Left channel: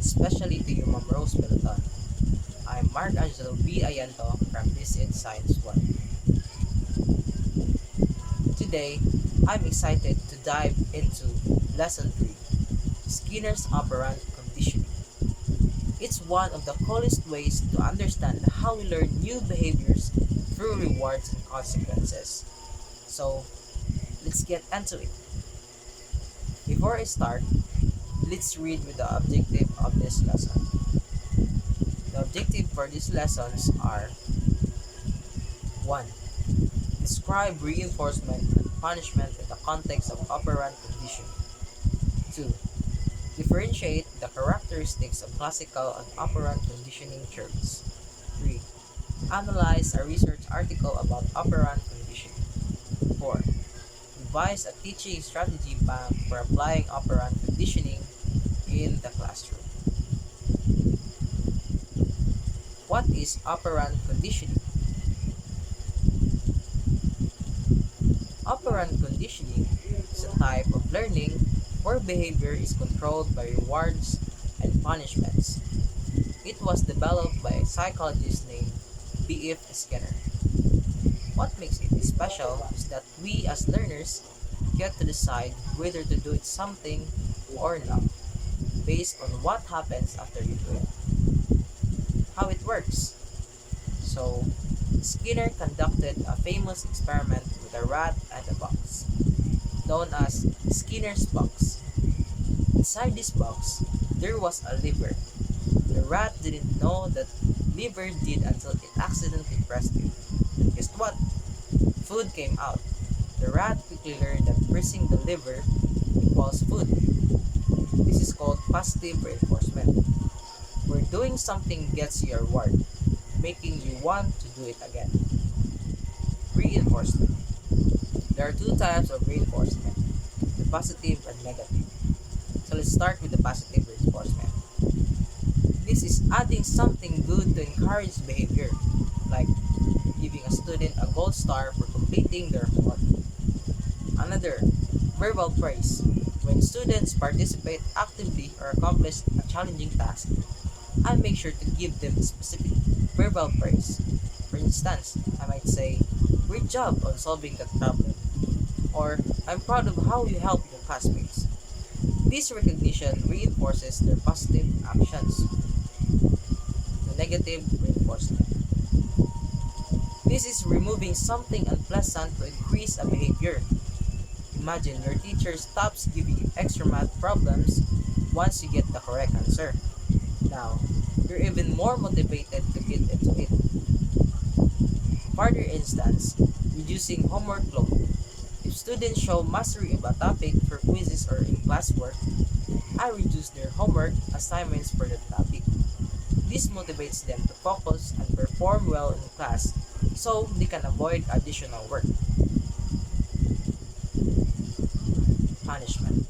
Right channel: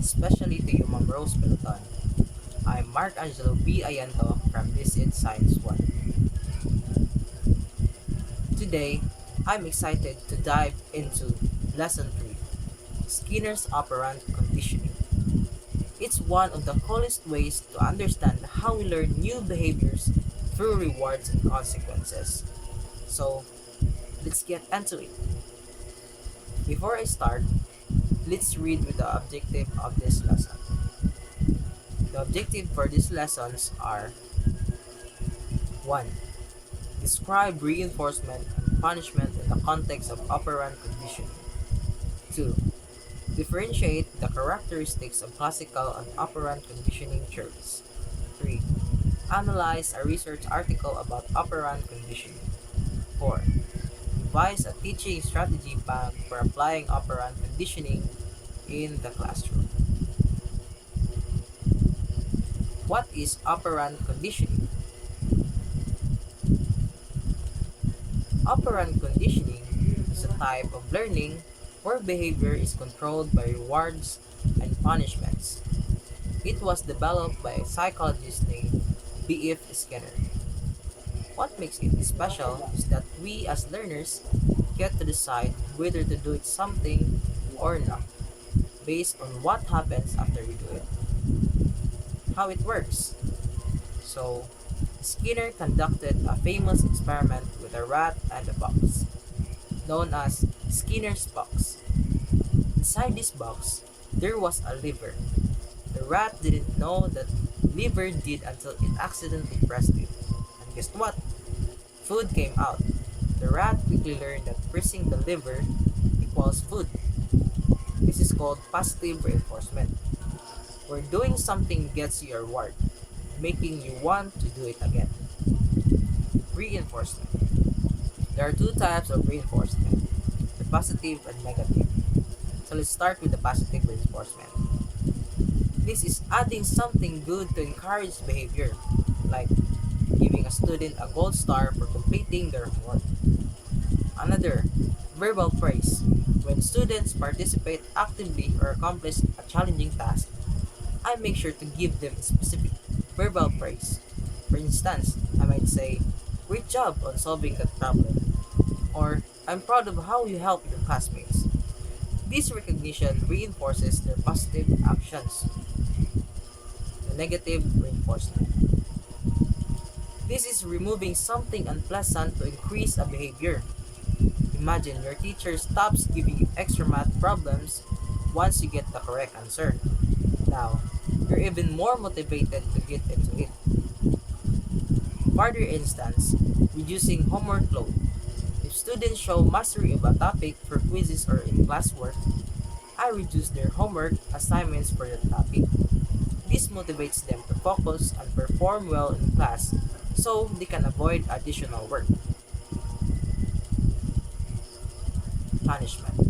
especially to you, Ma'am Rose Peloton. I'm Mark Angelo B. Ayanto from This Is Science 1. Today, I'm excited to dive into Lesson 3, Skinner's Operant Conditioning. It's one of the coolest ways to understand how we learn new behaviors through rewards and consequences. So, let's get into it. Before I start, let's read with the objective of this lesson. The objective for these lessons are 1. Describe reinforcement and punishment in the context of operant conditioning. 2. Differentiate the characteristics of classical and operant conditioning theories. 3. Analyze a research article about operant conditioning. 4. Devise a teaching strategy bank for applying operant conditioning in the classroom. What is operant conditioning? Operant conditioning is a type of learning where behavior is controlled by rewards and punishments. It was developed by a psychologist named B.F. Skinner. What makes it special is that we as learners get to decide whether to do it something or not, based on what happens after we do it. How it works. So, Skinner conducted a famous experiment with a rat and a box, known as Skinner's box. Inside this box, there was a lever. The rat didn't know that lever did until it accidentally pressed it. And guess what? Food came out. The rat quickly learned that pressing the lever equals food. This is called positive reinforcement, where doing something gets you a reward, making you want to do it again. Reinforcement. There are two types of reinforcement, the positive and negative. So let's start with the positive reinforcement. This is adding something good to encourage behavior, like giving a student a gold star for completing their homework. Another, verbal praise. When students participate actively or accomplish a challenging task, I make sure to give them specific verbal praise. For instance, I might say, "Great job on solving that problem," or "I'm proud of how you helped your classmates." This recognition reinforces their positive actions. The negative reinforcement. This is removing something unpleasant to increase a behavior. Imagine your teacher stops giving you extra math problems once you get the correct answer. Now, you're even more motivated to get into it. Further instance, reducing homework load. If students show mastery of a topic for quizzes or in classwork, I reduce their homework assignments for that topic. This motivates them to focus and perform well in class so they can avoid additional work. Punishment.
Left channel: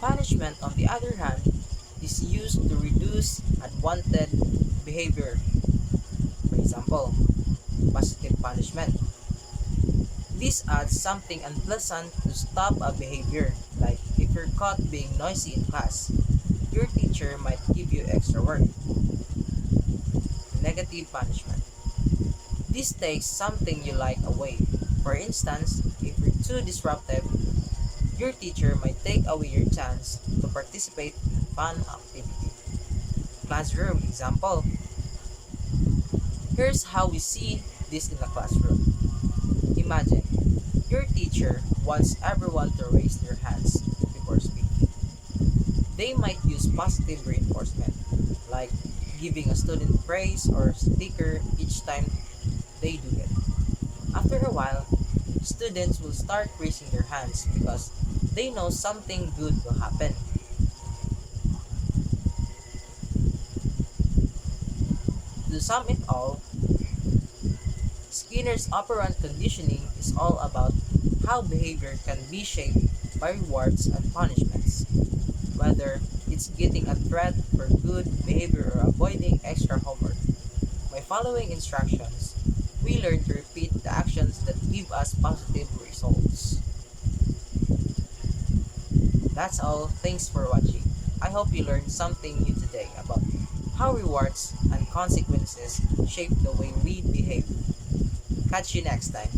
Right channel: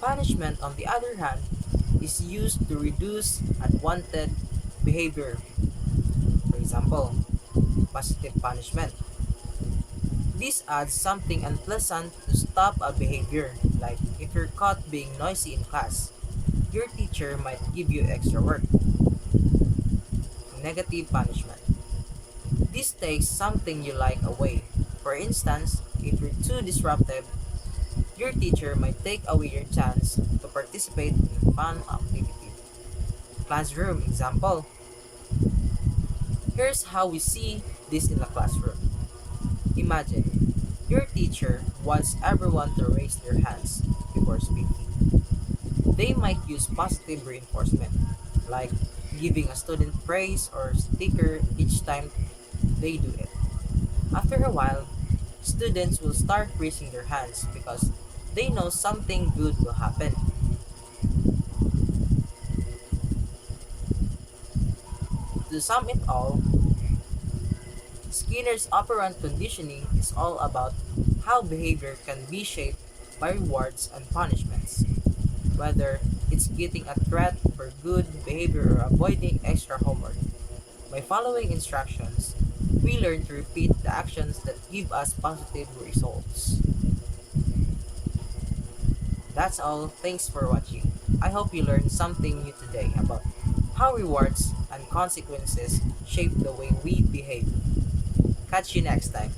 Punishment, on the other hand, is used to reduce unwanted behavior. For example, positive punishment. This adds something unpleasant to stop a behavior, like if you're caught being noisy in class, your teacher might give you extra work. Negative punishment. This takes something you like away. For instance, if you're too disruptive, your teacher might take away your chance to participate in a fun activity. Classroom example. Here's how we see this in the classroom. Imagine, your teacher wants everyone to raise their hands before speaking. They might use positive reinforcement, like giving a student praise or sticker each time they do it. After a while, students will start raising their hands because they know something good will happen. To sum it all, Skinner's operant conditioning is all about how behavior can be shaped by rewards and punishments, whether it's getting a threat for good behavior or avoiding extra homework. By following instructions, we learn to repeat the actions that give us positive results. That's all. Thanks for watching. I hope you learned something new today about how rewards and consequences shape the way we behave. Catch you next time.